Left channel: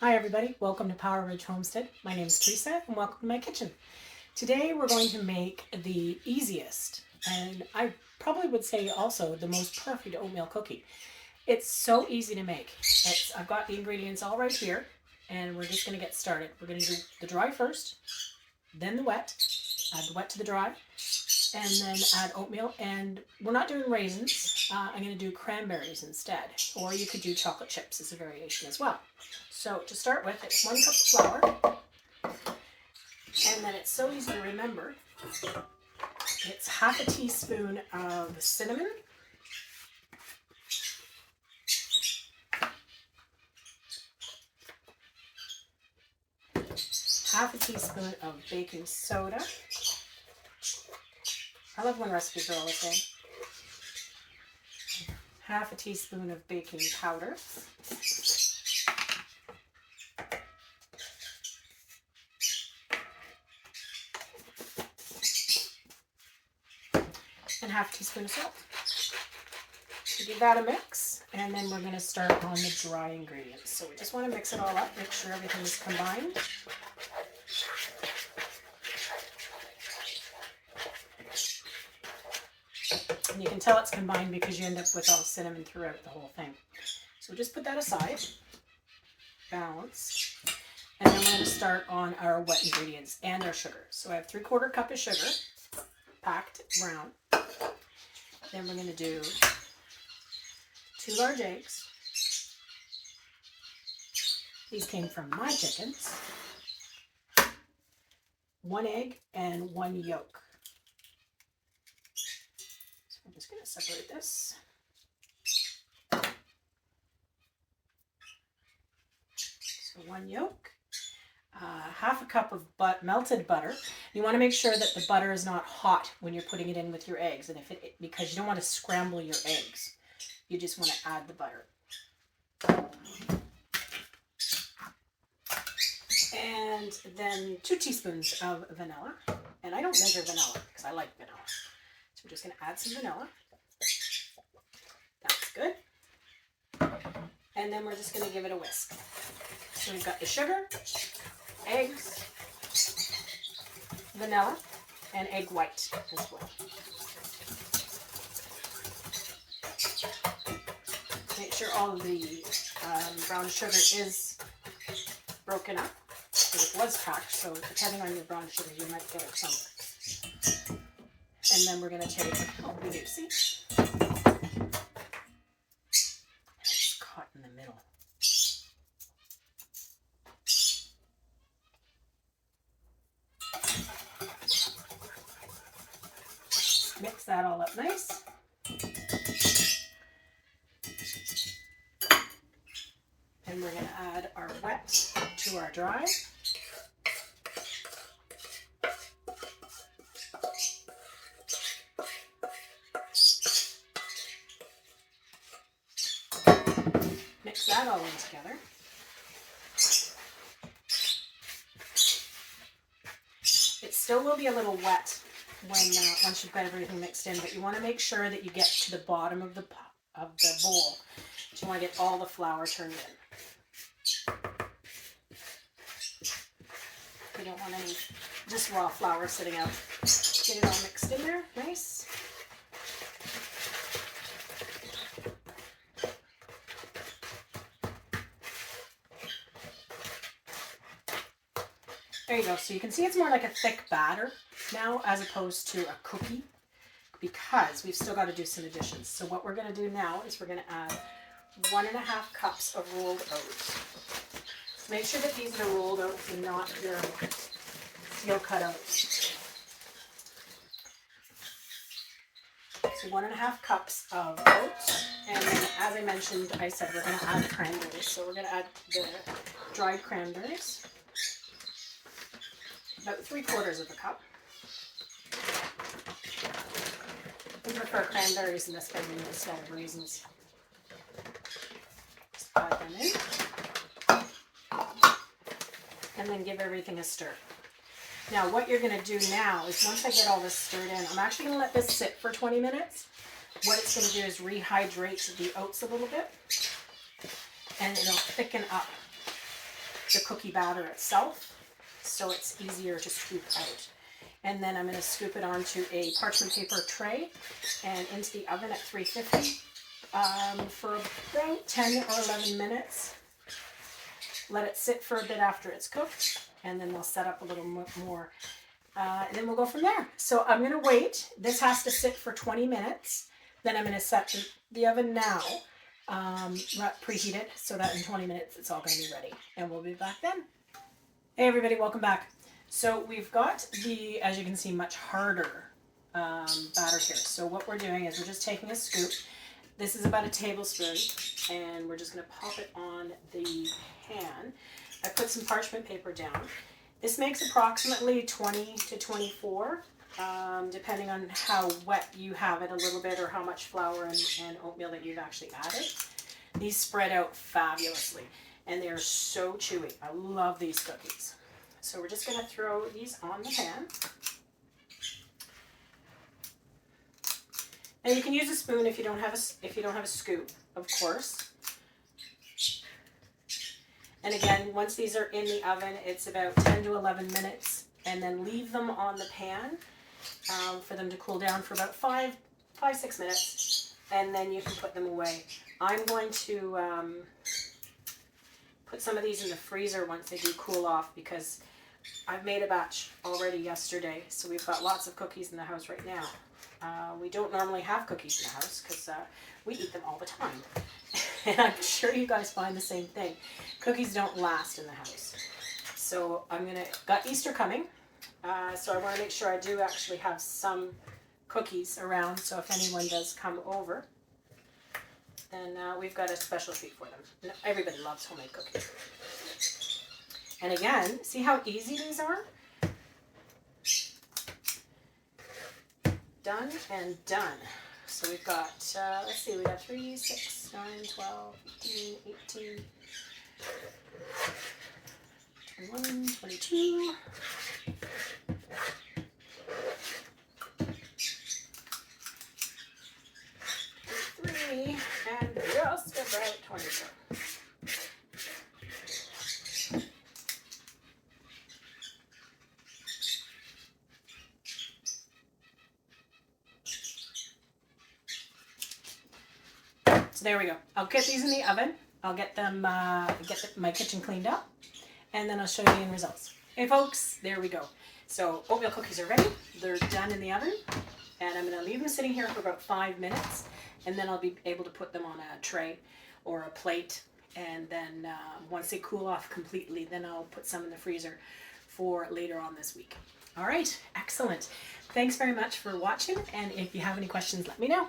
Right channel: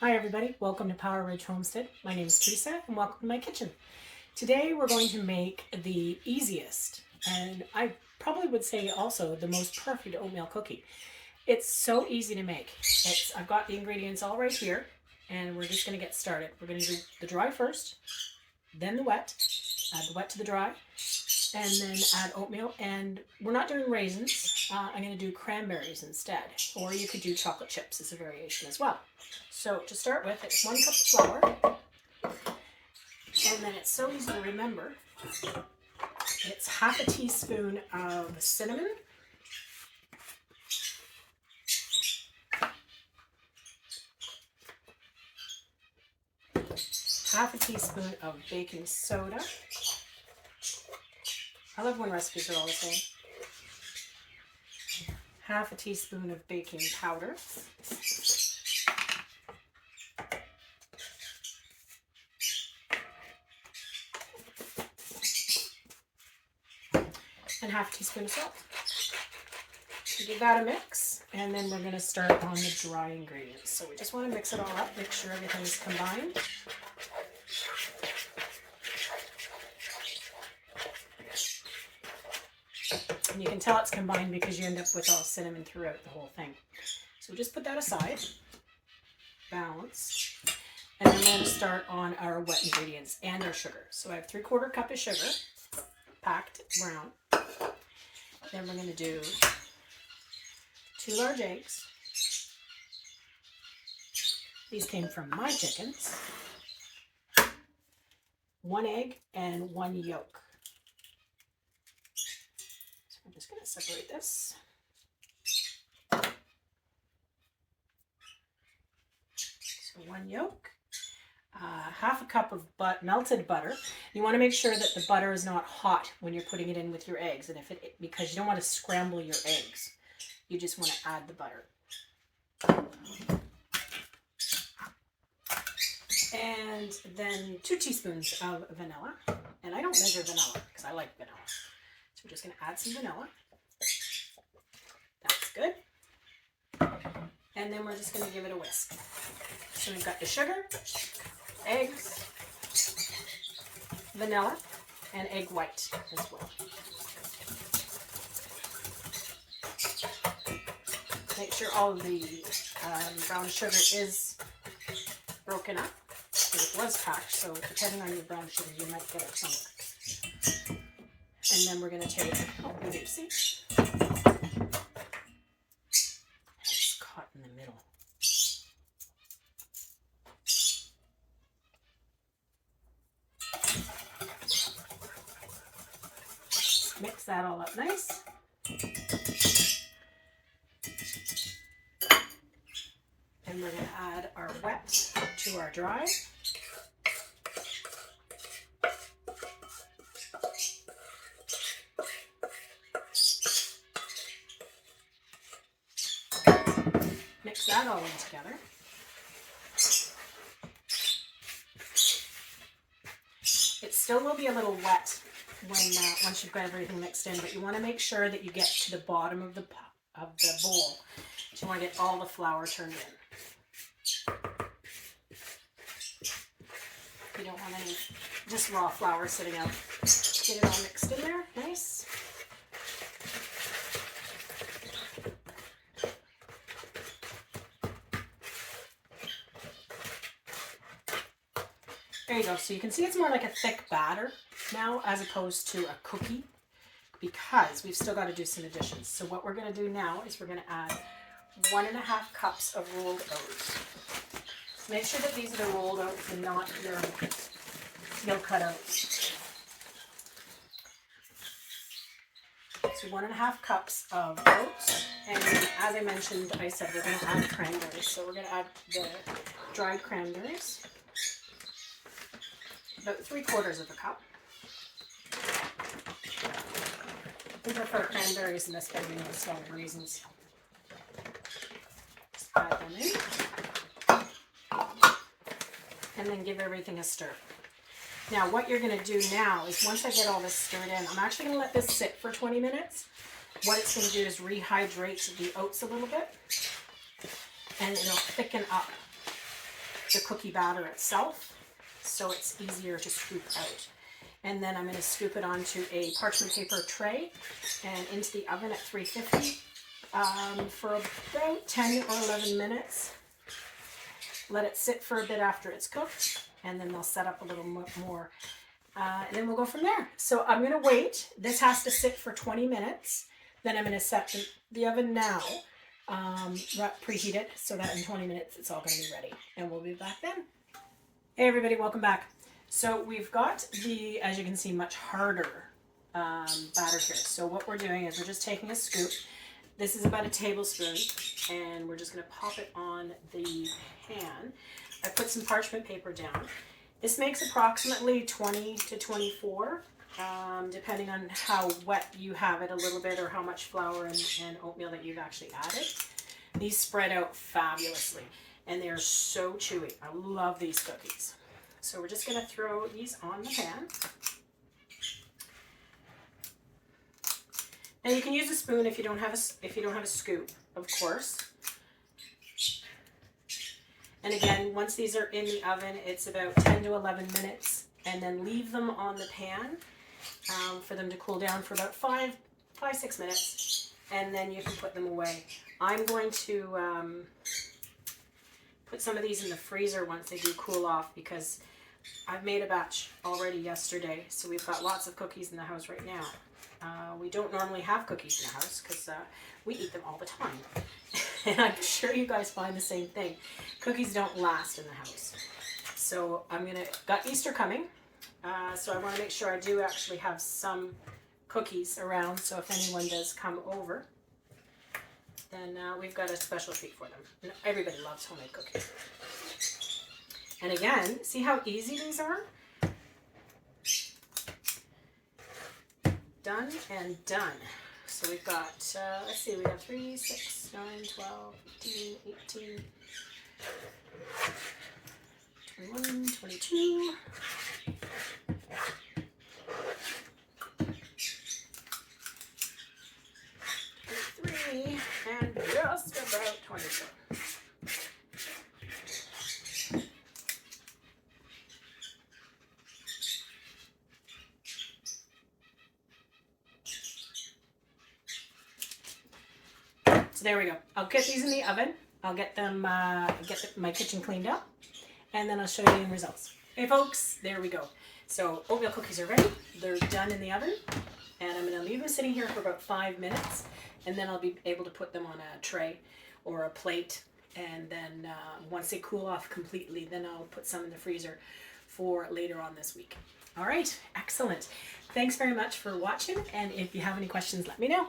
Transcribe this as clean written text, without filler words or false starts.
Hi everybody, welcome to Power Ridge Homestead. My name is Teresa and welcome to my kitchen. Today we're going to make the easiest and I probably would say also the most perfect oatmeal cookie. It's so easy to make. I've got the ingredients all right here and we're just going to get started. We're going to do the dry first, then the wet, add the wet to the dry, and then add oatmeal. And we're not doing raisins. I'm going to do cranberries instead, or you could do chocolate chips as a variation as well. So to start with, it's 1 cup of flour, and then it's so easy to remember. It's half a teaspoon of cinnamon, half a teaspoon of baking soda. I love when recipes are all the same. Half a teaspoon of baking powder. And half a teaspoon of salt. Give that a mix, and then we're going to start on the dry ingredients. So we just want to mix it all up, make sure everything is combined. And you can tell it's combined because you end up with all cinnamon throughout the whole thing. So just put that aside, balance, and then we're going to start on our wet ingredients and our sugar. So I have 3/4 cup of sugar, packed brown. Then we're going to do 2 large eggs. These came from my chickens. 1 egg and 1 yolk. So I'm just going to separate this. So 1 yolk. Half a cup of melted butter. You want to make sure that the butter is not hot when you're putting it in with your eggs, and because you don't want to scramble your eggs. You just want to add the butter. And then 2 teaspoons of vanilla. And I don't measure vanilla because I like vanilla. So we're just going to add some vanilla. That's good. And then we're just going to give it a whisk. So we've got the sugar, eggs, vanilla, and egg white as well. Make sure all of the brown sugar is broken up, because it was packed, so depending on your brown sugar, you might get a chunk. And then we're going to take, it's caught in the middle. Mix that all up nice. And we're going to add our wet to our dry. Mix that all in together. It still will be a little wet once you've got everything mixed in, but you want to make sure that you get to the bottom of the bowl. So you want to get all the flour turned in. You don't want any just raw flour sitting out. Get it all mixed in there, nice. There you go. So you can see it's more like a thick batter now as opposed to a cookie, because we've still got to do some additions. So what we're going to do now is we're going to add 1.5 cups of rolled oats. Make sure that these are the rolled oats and not your steel cut oats. So 1.5 cups of oats, and then, as I mentioned, I said we're going to add cranberries. So we're going to add the dried cranberries, about 3/4 cup. I prefer cranberries in this family instead of raisins. Just add them in. And then give everything a stir. Now what you're going to do now is, once I get all this stirred in, I'm actually going to let this sit for 20 minutes. What it's going to do is rehydrate the oats a little bit, and it'll thicken up the cookie batter itself, so it's easier to scoop out. And then I'm going to scoop it onto a parchment paper tray and into the oven at 350 for about 10 or 11 minutes. Let it sit for a bit after it's cooked, and then they'll set up a little more. And then we'll go from there. So I'm going to wait. This has to sit for 20 minutes. Then I'm going to set the oven now, preheat it, so that in 20 minutes it's all going to be ready. And we'll be back then. Hey everybody, welcome back. So we've got the, as you can see, much harder batter here. So what we're doing is we're just taking a scoop. This is about a tablespoon, and we're just going to pop it on the pan. I put some parchment paper down. This makes approximately 20 to 24, depending on how wet you have it a little bit or how much flour and oatmeal that you've actually added. These spread out fabulously, and they're so chewy. I love these cookies. So we're just going to throw these on the pan. And you can use a spoon if you don't have a scoop, of course. And again, once these are in the oven, it's about 10 to 11 minutes, and then leave them on the pan for them to cool down for about 5-6 minutes, and then you can put them away. I'm going to put some of these in the freezer once they do cool off, because I've made a batch already yesterday, so we've got lots of cookies in the house right now. We don't normally have cookies in the house because we eat them all the time. And I'm sure you guys find the same thing. Cookies don't last in the house. So got Easter coming, so I want to make sure I do actually have some cookies around, so if anyone does come over, then we've got a special treat for them. Everybody loves homemade cookies. And again, see how easy these are? Done and done. So we've got, let's see, we got 3, 6, 9, 12, 15, 18, 21, 22, 23, and just about 24. So there we go. I'll get these in the oven. I'll get them, my kitchen cleaned up, and then I'll show you the end results. Hey folks, there we go. So oatmeal cookies are ready. They're done in the oven, and I'm going to leave them sitting here for about 5 minutes, and then I'll be able to put them on a tray or a plate, and then once they cool off completely, then I'll put some in the freezer for later on this week. All right, excellent. Thanks very much for watching, and if you have any questions, let me know.